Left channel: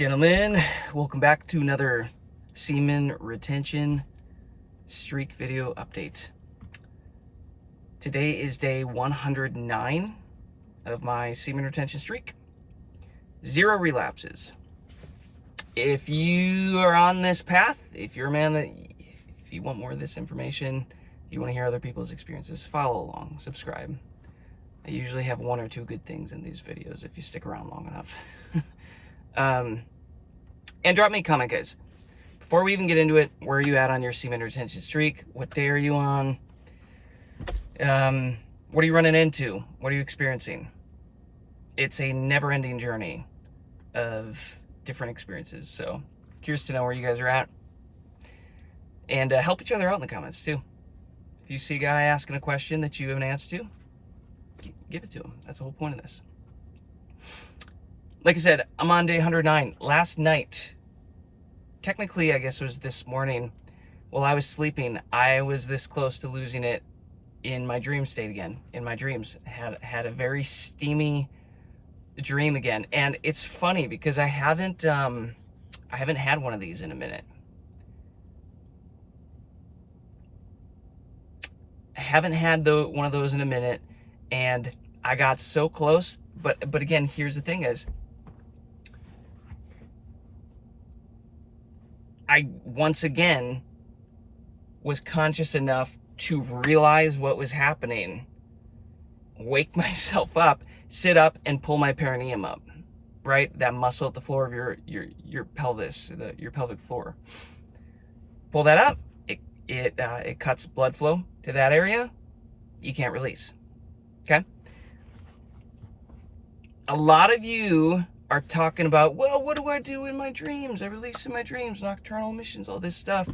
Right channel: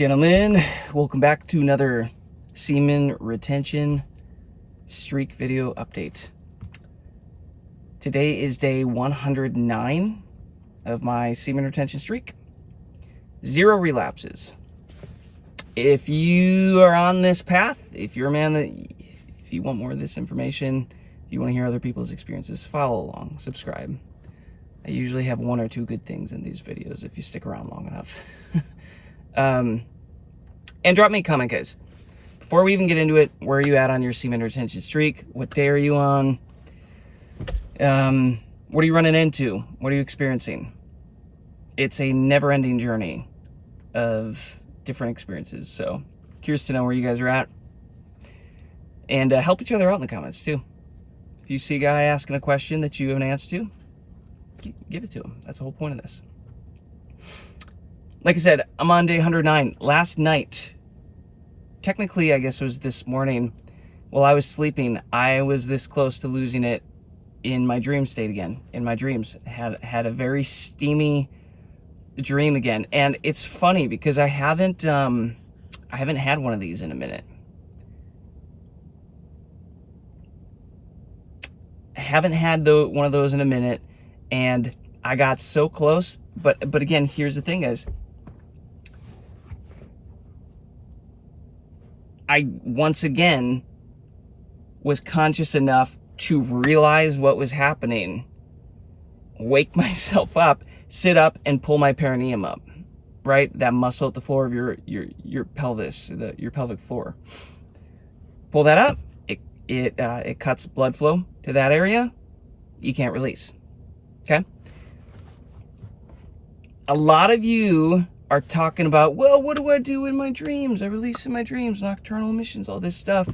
Gentlemen, welcome back to another semen retention streak video update. Today is day 109 of my semen retention streak. 0 relapses. If you are on this path, if you're a man that, if you want more of this information, if you want to hear other people's experiences, follow along, subscribe. I usually have 1 or 2 good things in these videos if you stick around long enough. And drop me a comment, guys. Before we even get into it, where are you at on your semen retention streak? What day are you on? What are you running into? What are you experiencing? It's a never-ending journey of different experiences. So, curious to know where you guys are at. And help each other out in the comments, too. If you see a guy asking a question that you have an answer to, give it to him. That's the whole point of this. Like I said, I'm on day 109. Last night, technically, I guess it was this morning, while I was sleeping, I was this close to losing it in my dream state again. In my dreams, had a very steamy dream again, and it's funny because I haven't had one of these in a minute. I haven't had one of those in a minute, and I got so close. But again, here's the thing, guys. I, once again, was conscious enough to realize what was happening, wake myself up, sit up, and pull my perineum up, right? That muscle at the floor of your pelvis, your pelvic floor. Pull that up, it cuts blood flow to that area. You can't release, okay? A lot of you are talking about, well, what do I do in my dreams? I release in my dreams, nocturnal emissions, all this stuff.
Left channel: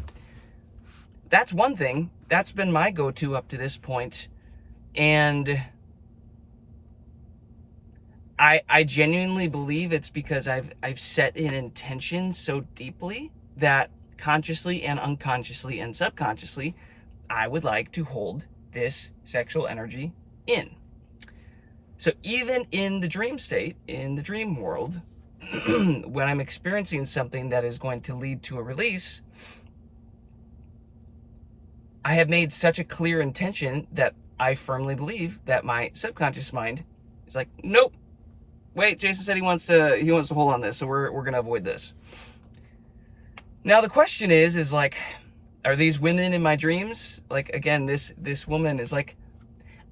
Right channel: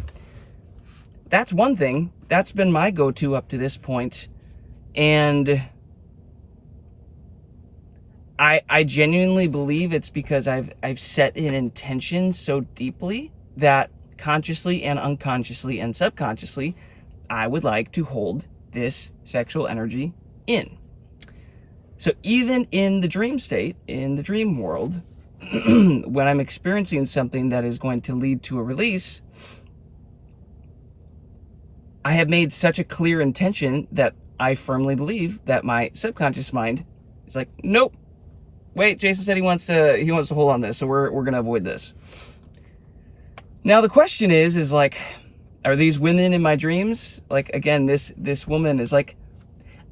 That's one thing. That's been my go-to up to this point. And I genuinely believe it's because I've set an intention so deeply that consciously and unconsciously and subconsciously, I would like to hold this sexual energy in. So even in the dream state, in the dream world, when I'm experiencing something that is going to lead to a release, I have made such a clear intention that I firmly believe that my subconscious mind is like, nope, wait, Jason said he wants to hold on this, so we're gonna avoid this. Now the question is like, are these women in my dreams? Like, again, this woman is like,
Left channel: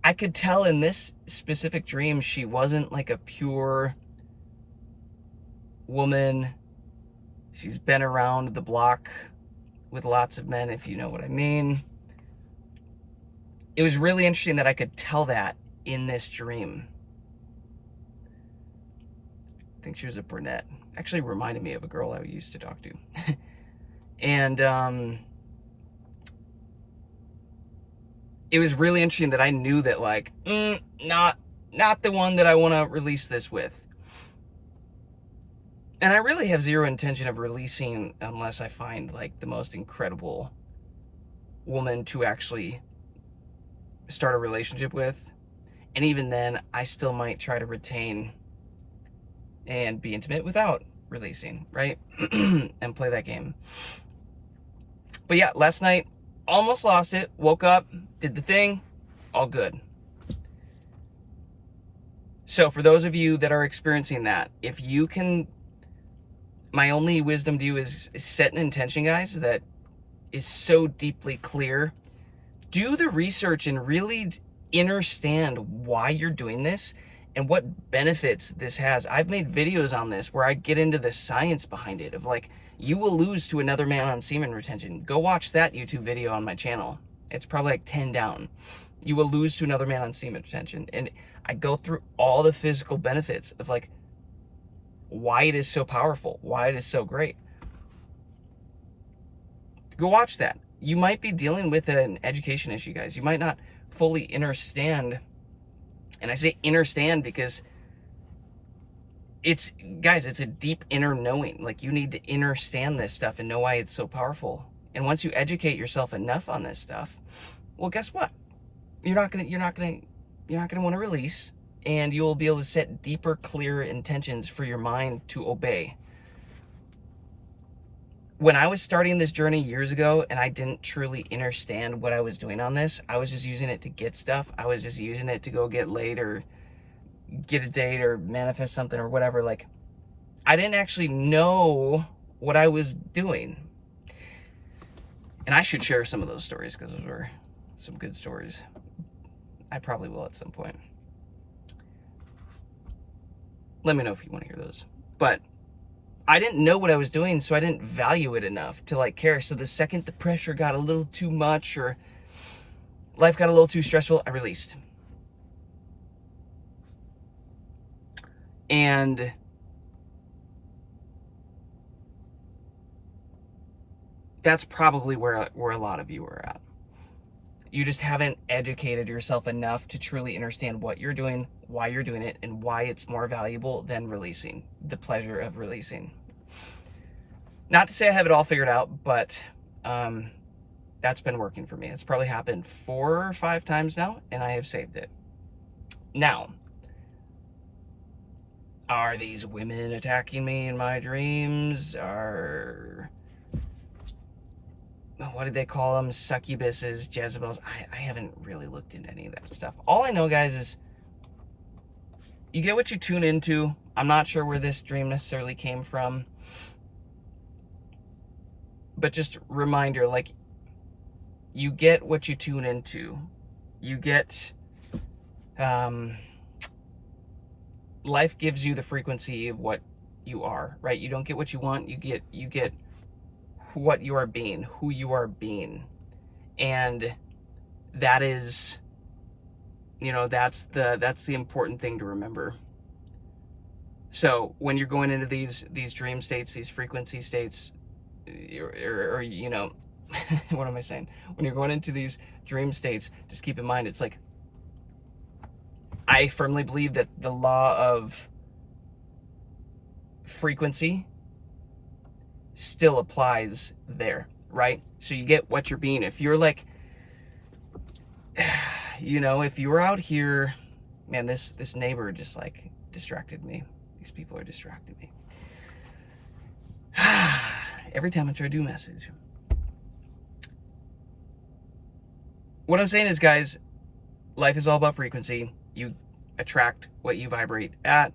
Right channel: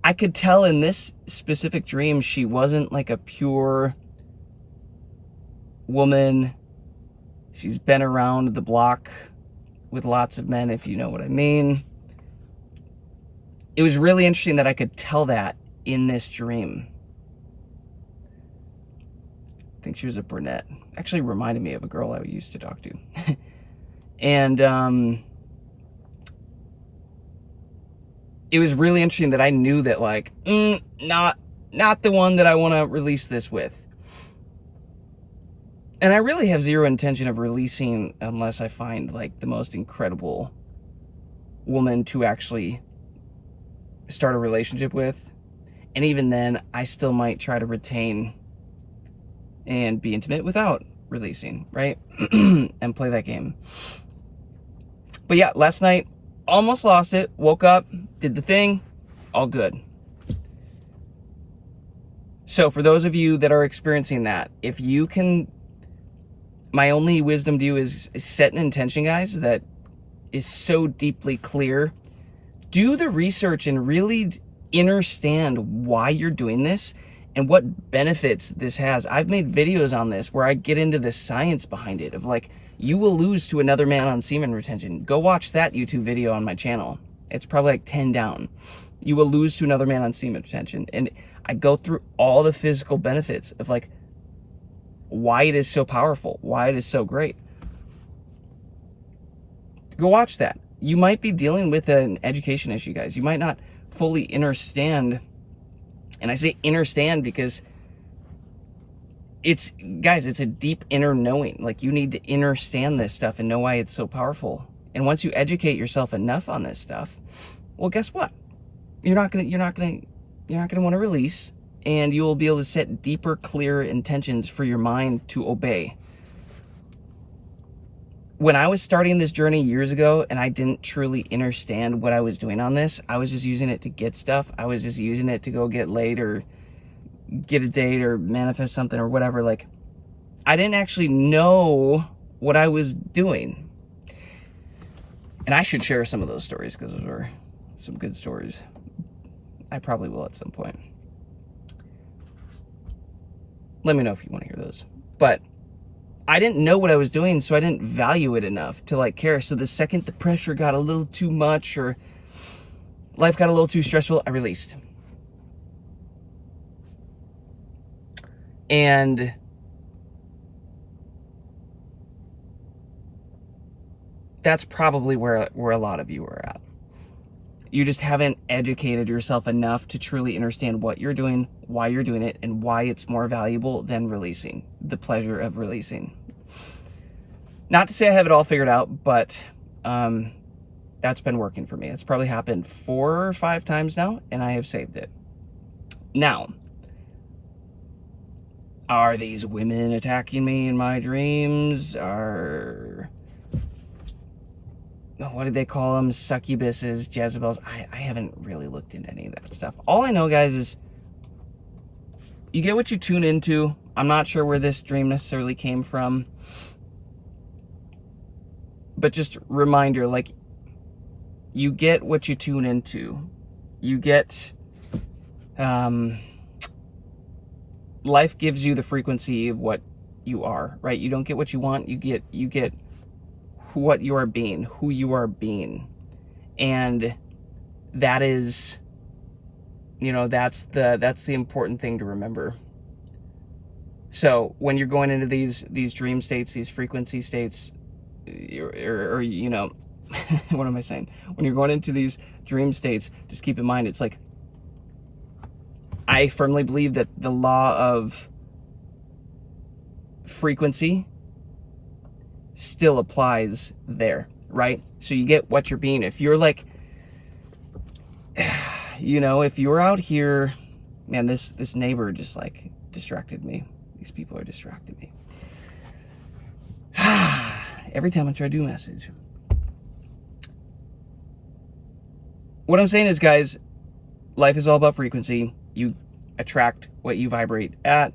I could tell in this specific dream, she wasn't like a pure woman. She's been around the block with lots of men, if you know what I mean. It was really interesting that I could tell that in this dream. I think she was a brunette. Actually reminded me of a girl I used to talk to. And, it was really interesting that I knew that, like, not the one that I want to release this with. And I really have zero intention of releasing unless I find, like, the most incredible woman to actually start a relationship with. And even then, I still might try to retain and be intimate without releasing, right? And play that game. But yeah, last night, almost lost it, woke up, did the thing, all good. So for those of you that are experiencing that, if you can, my only wisdom to you is set an intention, guys, that is so deeply clear. Do the research and really understand why you're doing this and what benefits this has. I've made videos on this where I get into the science behind it of like, you will lose to another man on semen retention. Go watch that YouTube video on my channel. It's probably like 10 down. You will lose to another man on semen retention. And I go through all the physical benefits of like why it is so powerful, why it is so great. Go watch that. You might be dealing with an education issue, guys. You might not fully understand. And I say understand because it's a deep inner knowing. Like, you need to understand this stuff and know why it's so powerful. And once you educate yourself enough on this stuff, well, guess what? You're not gonna want to release, and you will be able to set deeper, clearer intentions for your mind to obey. when I was starting this journey years ago and I didn't truly understand what I was doing on this, I was just using it to get stuff. I was just using it to go get laid or get a date or manifest something or whatever. Like, I didn't actually know what I was doing. And I should share some of those stories because those were some good stories. I probably will at some point. Let me know if you want to hear those. But I didn't know what I was doing, so I didn't value it enough to like care. So the second the pressure got a little too much or life got a little too stressful, I released. And that's probably where a lot of you are at. You just haven't educated yourself enough to truly understand what you're doing, why you're doing it, and why it's more valuable than releasing, the pleasure of releasing. Not to say I have it all figured out, but that's been working for me. It's probably happened 4 or 5 times now, and I have saved it. Now, are these women attacking me in my dreams? What did they call them? Succubuses, Jezebels. I haven't really looked into any of that stuff. All I know, guys, is you get what you tune into. I'm not sure where this dream necessarily came from. But just reminder, like, you get what you tune into. You get, life gives you the frequency of what you are, right? You don't get what you want. You get what you are being, who you are being. And that is, that's the important thing to remember. So when you're going into these dream states, these frequency states, or what am I saying? When you're going into these dream states, just keep in mind, it's like, I firmly believe that the law of frequency still applies there, right? So you get what you're being. If you're like, if you're out here, man, this neighbor just like distracted me. These people are distracting me. Every time I try to do a message. What I'm saying is, guys, life is all about frequency. You attract what you vibrate at.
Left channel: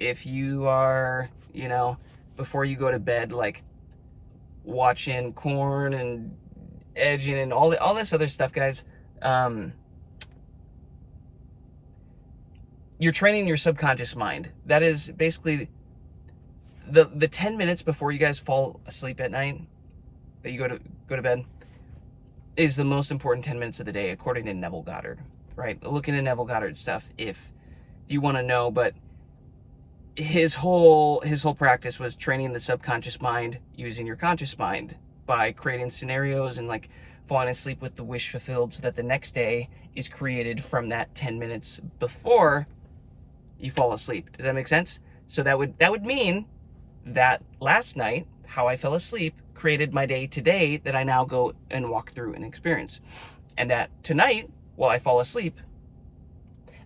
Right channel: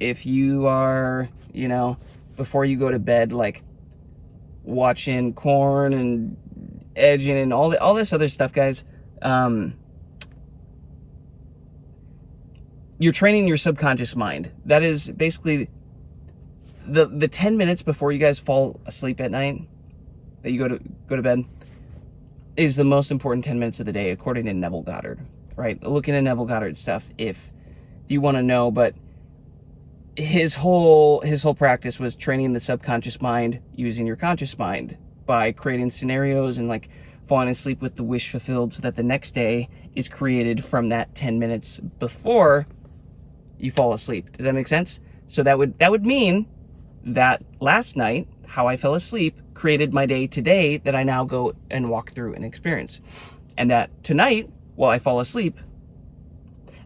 If you are, before you go to bed, like watching Korn and edging and all this other stuff, guys, you're training your subconscious mind. That is basically the 10 minutes before you guys fall asleep at night, that you go to bed, is the most important 10 minutes of the day, according to Neville Goddard, right? Look into Neville Goddard stuff if you want to know, but his whole practice was training the subconscious mind using your conscious mind by creating scenarios and like falling asleep with the wish fulfilled, so that the next day is created from that 10 minutes before you fall asleep. Does that make sense? So that would mean that last night, how I fell asleep created my day today that I now go and walk through and experience. And that tonight, while I fall asleep,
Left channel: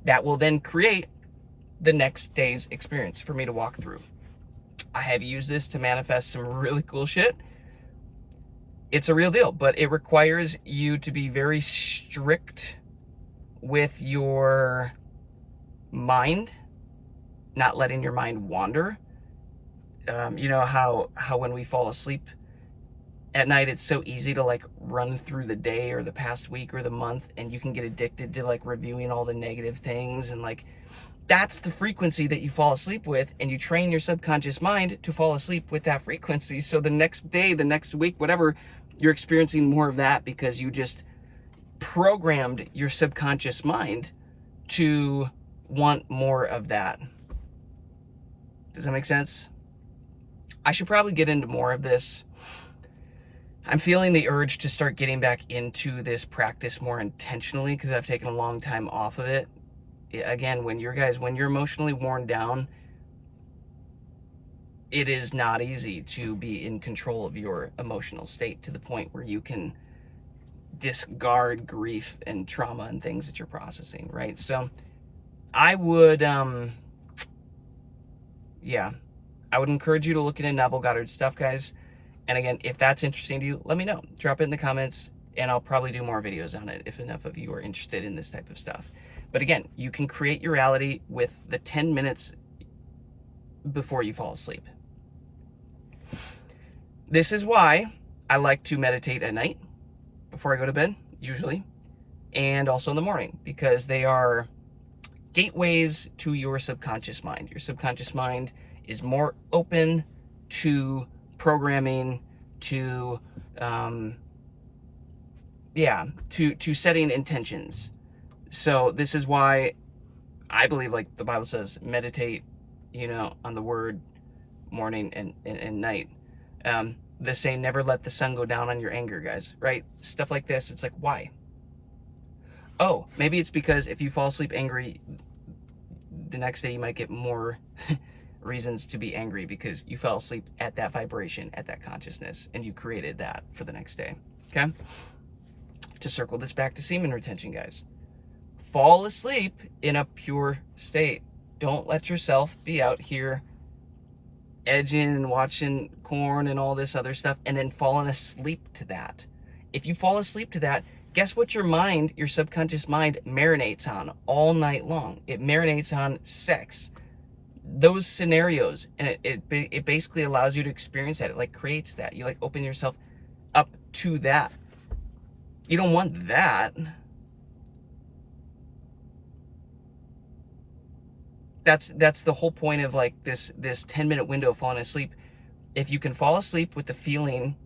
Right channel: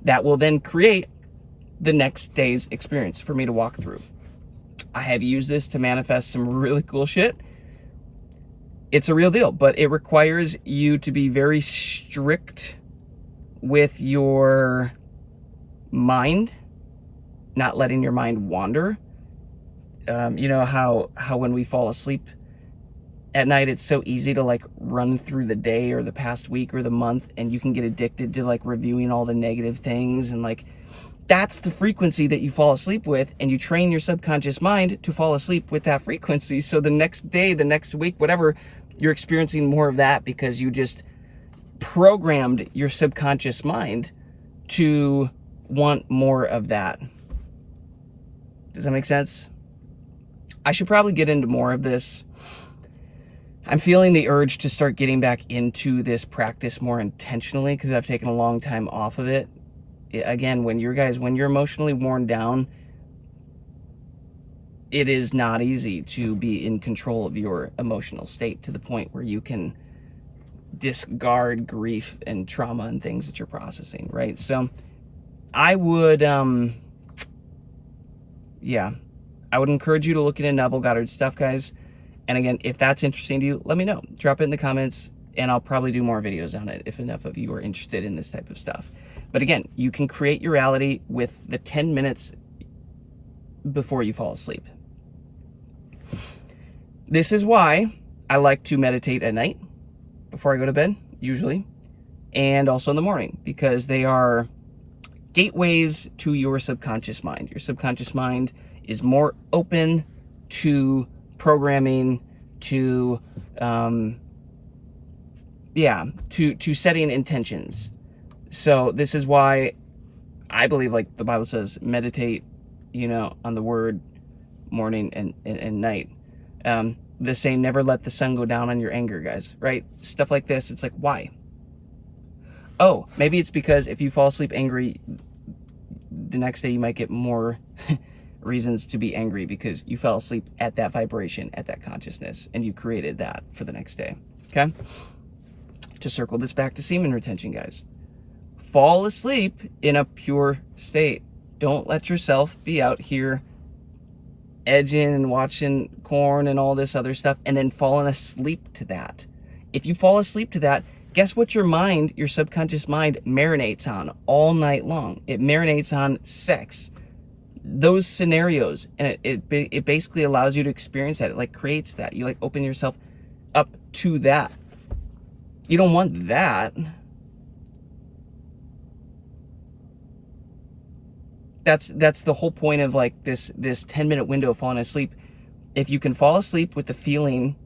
that will then create the next day's experience for me to walk through. I have used this to manifest some really cool shit. It's a real deal, but it requires you to be very strict with your mind, not letting your mind wander. You know how when we fall asleep at night, it's so easy to like run through the day or the past week or the month, and you can get addicted to like reviewing all the negative things, and like that's the frequency that you fall asleep with, and you train your subconscious mind to fall asleep with that frequency. So the next day, the next week, whatever, you're experiencing more of that because you just programmed your subconscious mind to want more of that. Does that make sense? I should probably get into more of this. I'm feeling the urge to start getting back into this practice more intentionally because I've taken a long time off of it. Again, when you're emotionally worn down, it is not easy to be in control of your emotional state to the point where you can discard grief and trauma and things that you're processing, right? So I would, I would encourage you to look into Neville Goddard stuff, guys. And again, if that's interesting to you, let me know. Drop it in the comments, and I'll probably do more videos on it if enough of you are interested in this type of stuff. But again, you can create your reality with the 10 minutes before you fall asleep. This is why I like to meditate at night before I go to bed, usually, and also in the morning, because they are gateways to your subconscious mind. Your subconscious mind is more open to programming, to setting intentions. So this is why I believe, like the Bible says, meditate, on the word morning and night. The saying, never let the sun go down on your anger, guys, right? Stuff like this. It's like, why? Oh, maybe it's because if you fall asleep angry, the next day you might get more reasons to be angry because you fell asleep at that vibration, at that consciousness, and you created that for the next day, okay? To circle this back to semen retention, guys. Fall asleep in a pure state. Don't let yourself be out here edging and watching corn and all this other stuff and then falling asleep to that. If you fall asleep to that, guess what your mind, your subconscious mind, marinates on all night long? It marinates on sex. Those scenarios, and it basically allows you to experience that. It like creates that. You like open yourself up to that. You don't want that. That's the whole point of like this 10-minute window of falling asleep. If you can fall asleep with the feeling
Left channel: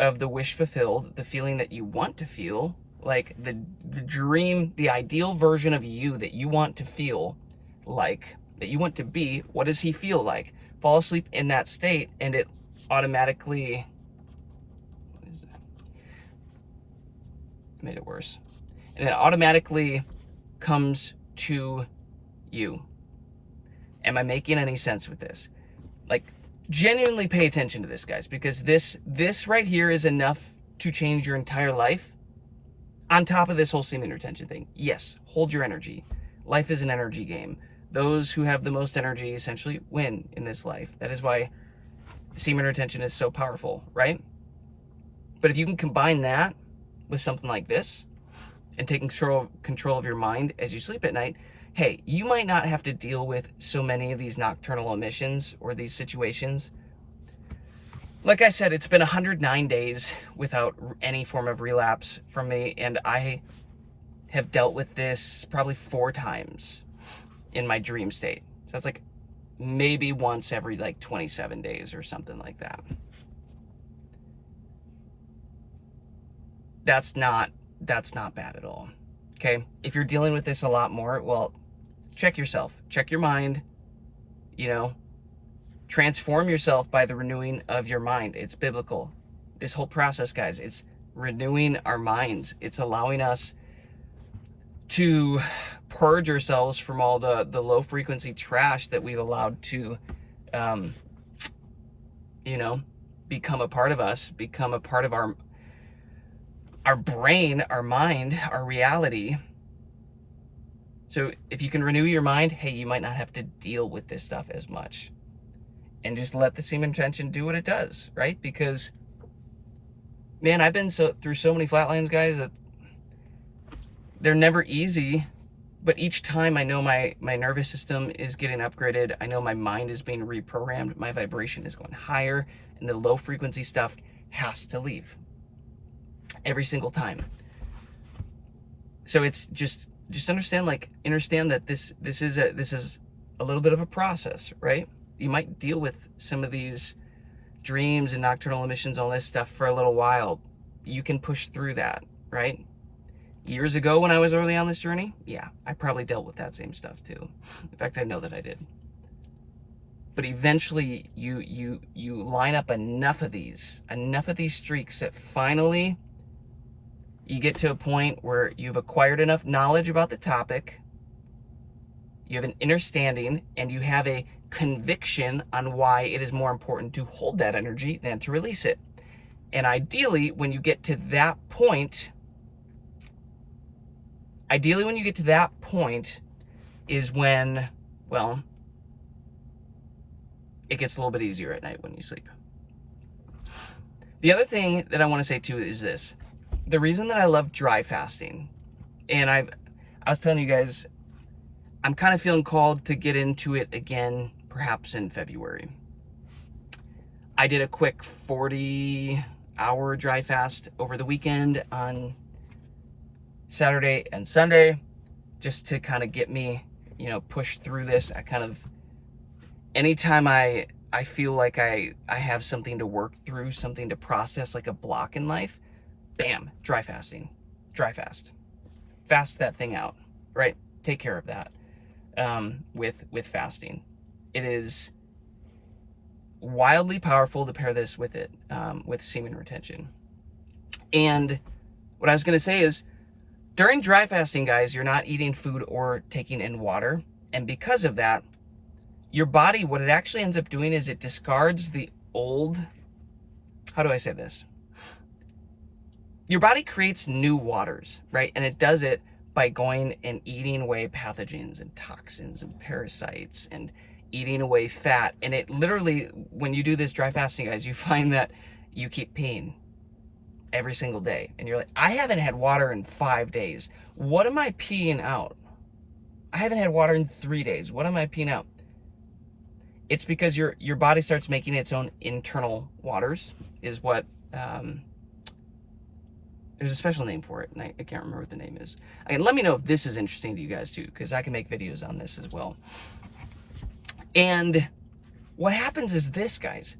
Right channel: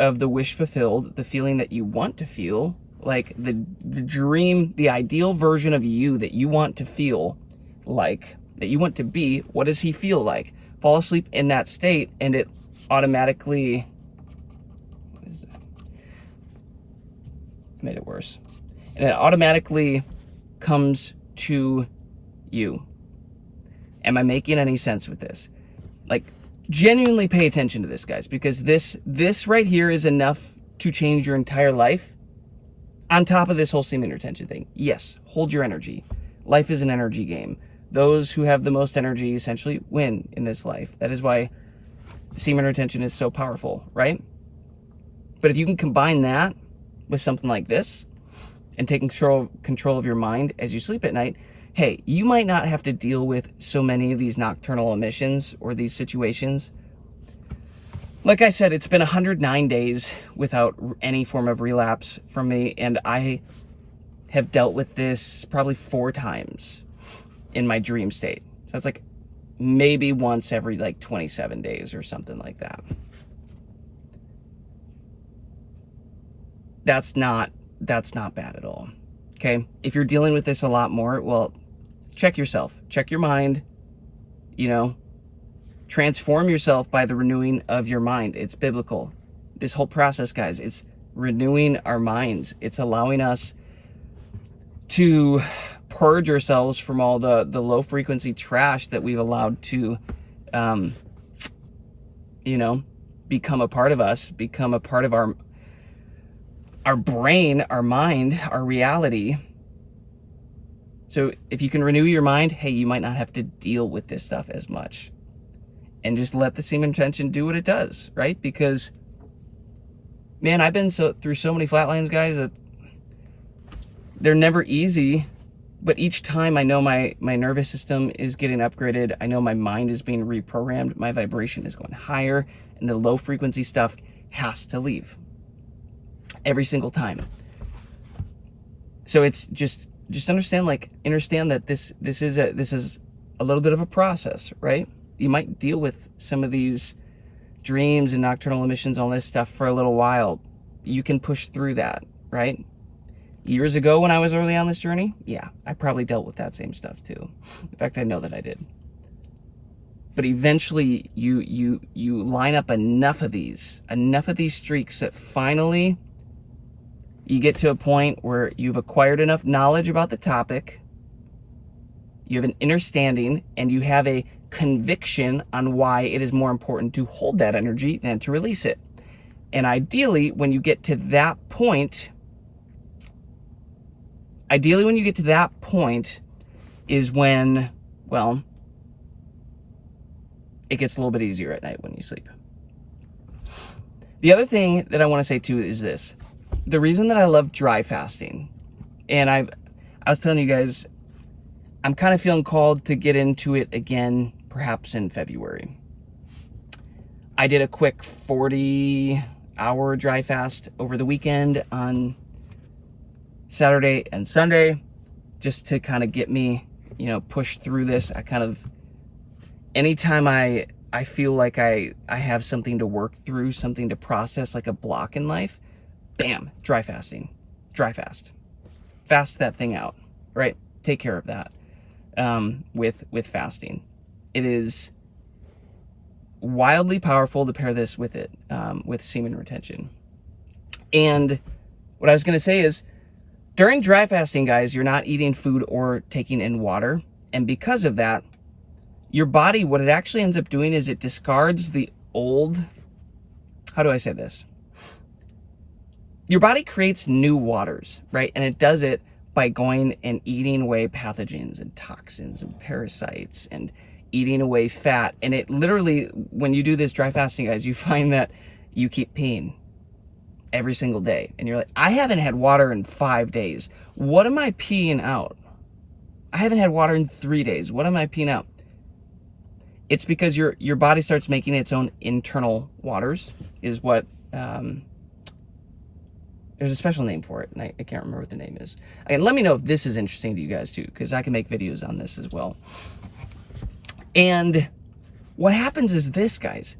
of the wish fulfilled, the feeling that you want to feel, like the dream, the ideal version of you that you want to feel like, that you want to be, what does he feel like? Fall asleep in that state, and it automatically, what is that? I made it worse. And it automatically comes to you. Am I making any sense with this? Like, genuinely pay attention to this, guys, because this right here is enough to change your entire life. On top of this whole semen retention thing, yes, hold your energy. Life is an energy game. Those who have the most energy essentially win in this life. That is why semen retention is so powerful, right? But if you can combine that with something like this and taking control of your mind as you sleep at night, hey, you might not have to deal with so many of these nocturnal emissions or these situations. Like I said, it's been 109 days without any form of relapse from me, and I have dealt with this probably 4 times in my dream state. So that's like maybe once every like 27 days or something like that. That's not bad at all. Okay? If you're dealing with this a lot more, well, check yourself. Check your mind. Transform yourself by the renewing of your mind. It's biblical. This whole process, guys, it's renewing our minds. It's allowing us to purge ourselves from all the low frequency trash that we've allowed to, become a part of us, become a part of our brain, our mind, our reality. So if you can renew your mind, hey, you might not have to deal with this stuff as much. And just let the semen retention do what it does, right? Because, man, I've been through so many flatlines, guys, that they're never easy. But each time I know my nervous system is getting upgraded. I know my mind is being reprogrammed. My vibration is going higher. And the low frequency stuff has to leave. Every single time. So it's just understand that this is a little bit of a process, right? You might deal with some of these dreams and nocturnal emissions, all this stuff for a little while. You can push through that, right? Years ago when I was early on this journey, yeah, I probably dealt with that same stuff too. In fact, I know that I did. But eventually you line up enough of these streaks that finally you get to a point where you've acquired enough knowledge about the topic, you have an understanding, and you have a conviction on why it is more important to hold that energy than to release it. And ideally, when you get to that point, is when, well, it gets a little bit easier at night when you sleep. The other thing that I want to say too is this. The reason that I love dry fasting, and I was telling you guys, I'm kind of feeling called to get into it again, perhaps in February. I did a quick 40-hour dry fast over the weekend on Saturday and Sunday, just to kind of get me, push through this. Anytime I feel like I have something to work through, something to process, like a block in life, bam, dry fasting, dry fast that thing out, right? Take care of that with fasting. It is wildly powerful to pair this with it, with semen retention. And what I was going to say is, during dry fasting, guys, you're not eating food or taking in water. And because of that, your body, what it actually ends up doing is it discards the old, how do I say this? Your body creates new waters, right? And it does it by going and eating away pathogens and toxins and parasites and eating away fat. And it literally, when you do this dry fasting, guys, you find that you keep peeing every single day. And you're like, I haven't had water in 5 days. What am I peeing out? I haven't had water in 3 days. What am I peeing out? It's because your body starts making its own internal waters, is what, there's a special name for it, and I can't remember what the name is. Again, let me know if this is interesting to you guys too, because I can make videos on this as well. And what happens is this, guys.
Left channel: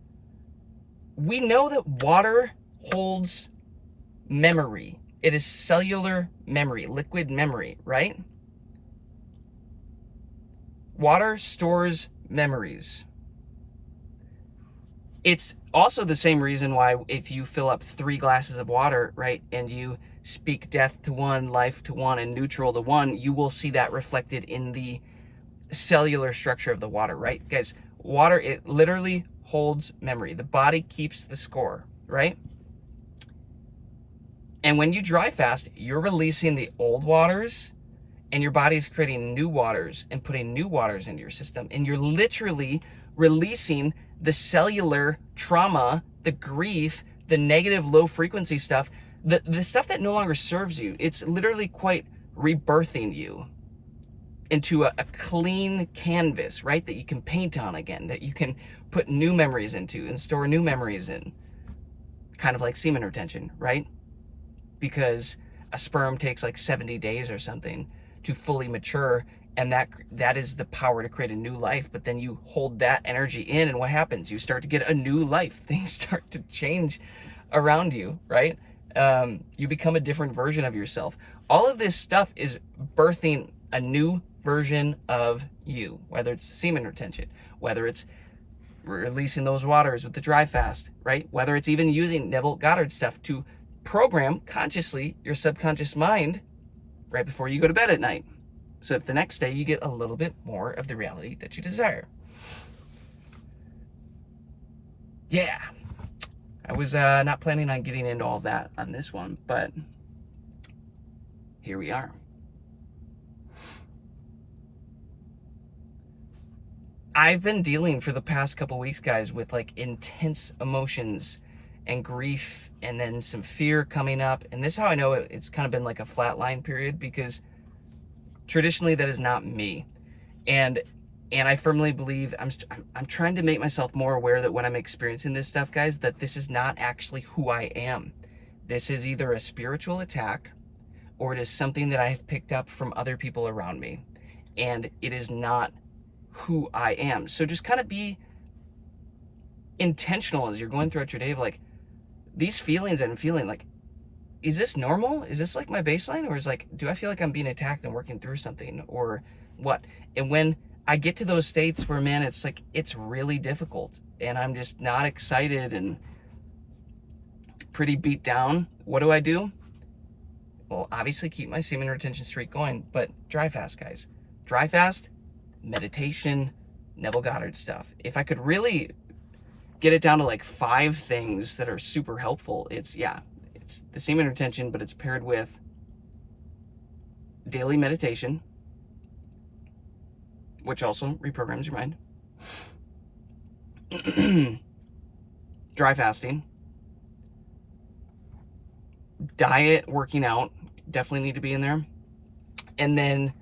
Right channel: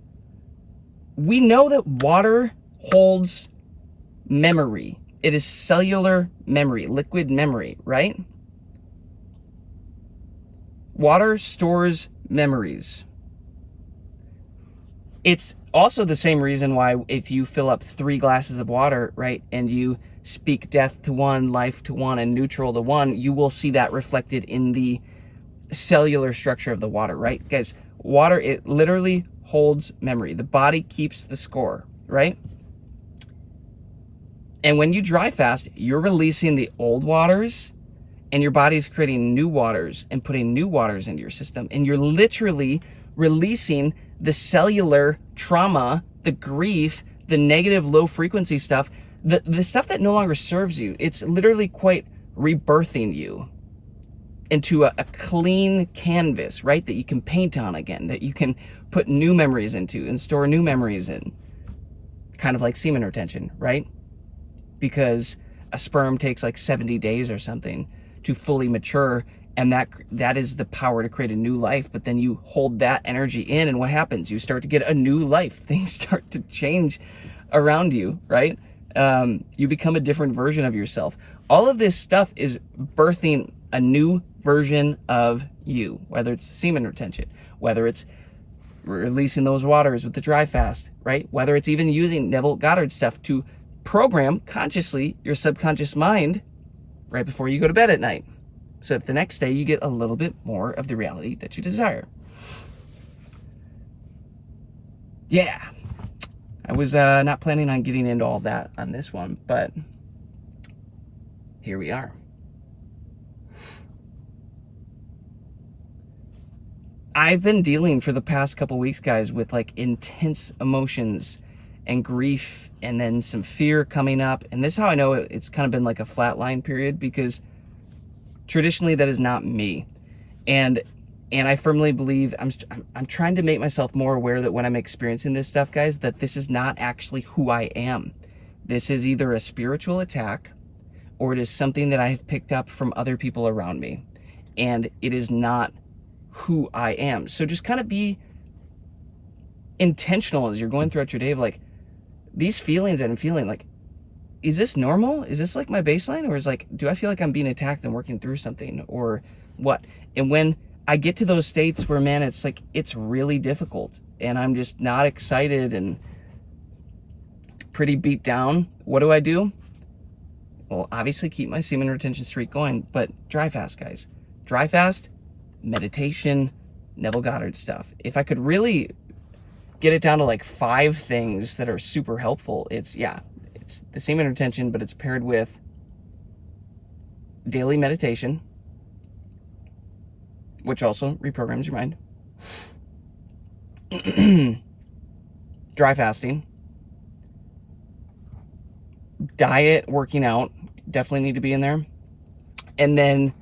We know that water holds memory. It is cellular memory, liquid memory, right? Water stores memories. It's also the same reason why if you fill up 3 glasses of water, right, and you speak death to one, life to one, and neutral to one, you will see that reflected in the cellular structure of the water, right? Guys, water, it literally holds memory. The body keeps the score, right? And when you dry fast, you're releasing the old waters, and your body's creating new waters and putting new waters into your system. And you're literally releasing the cellular trauma, the grief, the negative low frequency stuff, the stuff that no longer serves you. It's literally quite rebirthing you into a clean canvas, right? That you can paint on again, that you can put new memories into and store new memories in. Kind of like semen retention, right? Because a sperm takes like 70 days or something to fully mature, and that is the power to create a new life. But then you hold that energy in, and what happens? You start to get a new life. Things start to change around you, right? You become a different version of yourself. All of this stuff is birthing a new version of you, whether it's semen retention, whether it's releasing those waters with the dry fast, right? Whether it's even using Neville Goddard stuff to program consciously your subconscious mind right before you go to bed at night, so that the next day you get a little bit more of the reality that you desire. Yeah, I was not planning on getting into all that on this one, but here we are. I've been dealing for the past couple weeks, guys, with like intense emotions and grief, and then some fear coming up. And this is how I know it's kind of been like a flatline period, because traditionally that is not me. And I firmly believe I'm trying to make myself more aware that when I'm experiencing this stuff, guys, that this is not actually who I am. This is either a spiritual attack, or it is something that I have picked up from other people around me. And it is not who I am. So just kind of be intentional as you're going throughout your day of like, these feelings that I'm feeling, like, is this normal? Is this like my baseline? Or is like, do I feel like I'm being attacked and working through something, or what? And when I get to those states where, man, it's like, it's really difficult and I'm just not excited and pretty beat down, what do? Well, obviously keep my semen retention streak going, but dry fast, guys. Dry fast, meditation, Neville Goddard stuff. If I could really get it down to like 5 things that are super helpful, it's the semen retention, but it's paired with daily meditation, which also reprograms your mind, dry fasting, Diet, working out, definitely need to be in there. And then,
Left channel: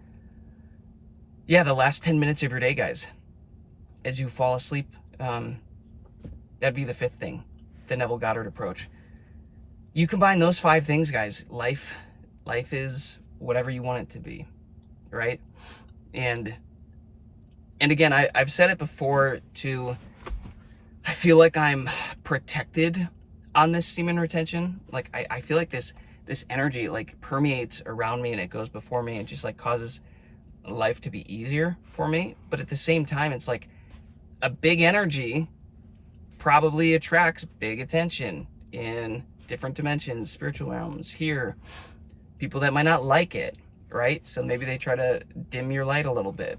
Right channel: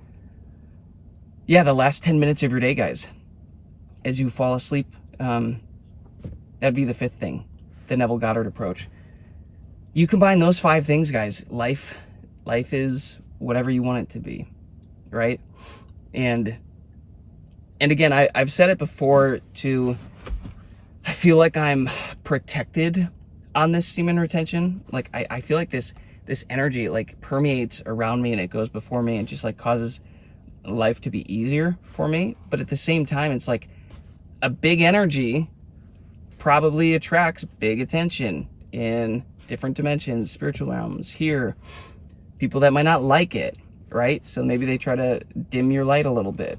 yeah, the last 10 minutes of your day, guys, as you fall asleep, that'd be the 5th thing, the Neville Goddard approach. You combine those 5 things, guys, life is whatever you want it to be, right? And again, I've said it before too, I feel like I'm protected on this semen retention. Like I feel like this energy like permeates around me and it goes before me and just like causes life to be easier for me. But at the same time, it's like a big energy probably attracts big attention in different dimensions, spiritual realms, here. People that might not like it, right? So maybe they try to dim your light a little bit.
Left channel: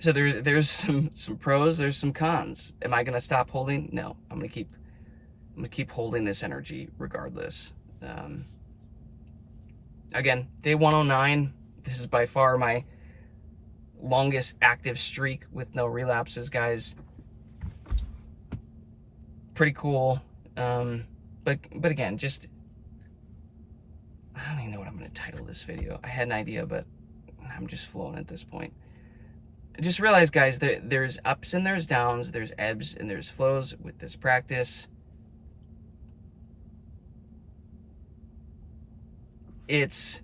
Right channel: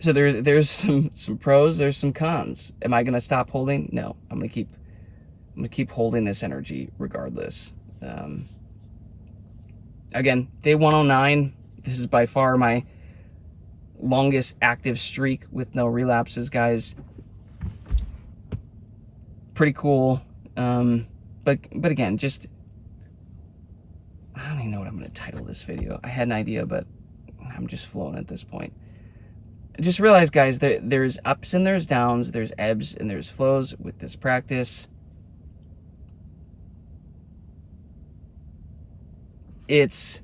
So there's some pros, there's some cons. Am I gonna stop holding? No, I'm gonna keep holding this energy regardless. Again, day 109. This is by far my longest active streak with no relapses, guys. Pretty cool. But again, just I don't even know what I'm gonna title this video. I had an idea, but I'm just flowing at this point. Just realize, guys, there's ups and there's downs, there's ebbs and there's flows with this practice. It's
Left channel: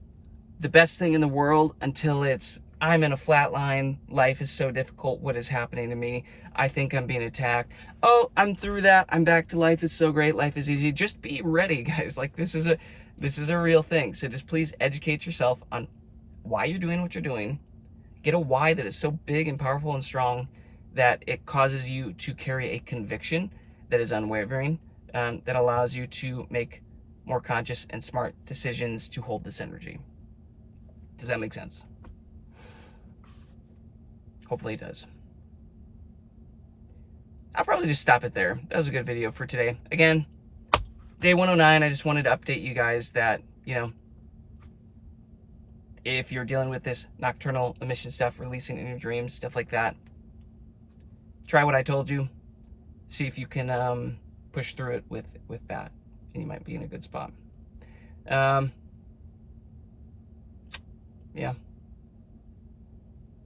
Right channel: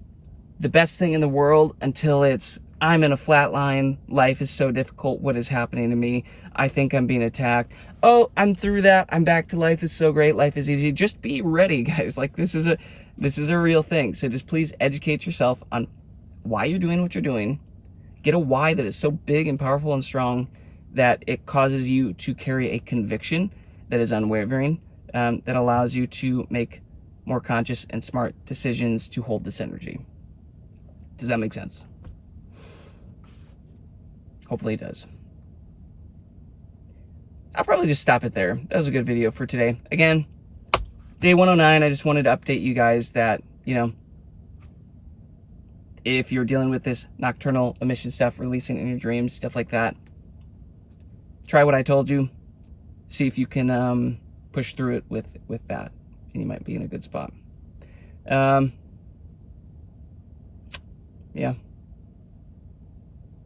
the best thing in the world until it's, I'm in a flat line, life is so difficult, what is happening to me? I think I'm being attacked. Oh, I'm through that, I'm back to life is so great, life is easy. Just be ready, guys. Like this is a real thing. So just please educate yourself on why you're doing what you're doing. Get a why that is so big and powerful and strong that it causes you to carry a conviction that is unwavering, that allows you to make more conscious and smart decisions to hold this energy. Does that make sense? Hopefully it does. I'll probably just stop it there. That was a good video for today. Again, day 109, I just wanted to update you guys that, you know, if you're dealing with this nocturnal emission stuff, releasing in your dreams, stuff like that, try what I told you. See if you can push through it with that, and you might be in a good spot. Yeah,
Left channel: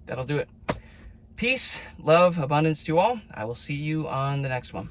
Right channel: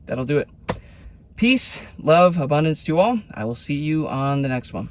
that'll do it. Peace, love, abundance to you all. I will see you on the next one.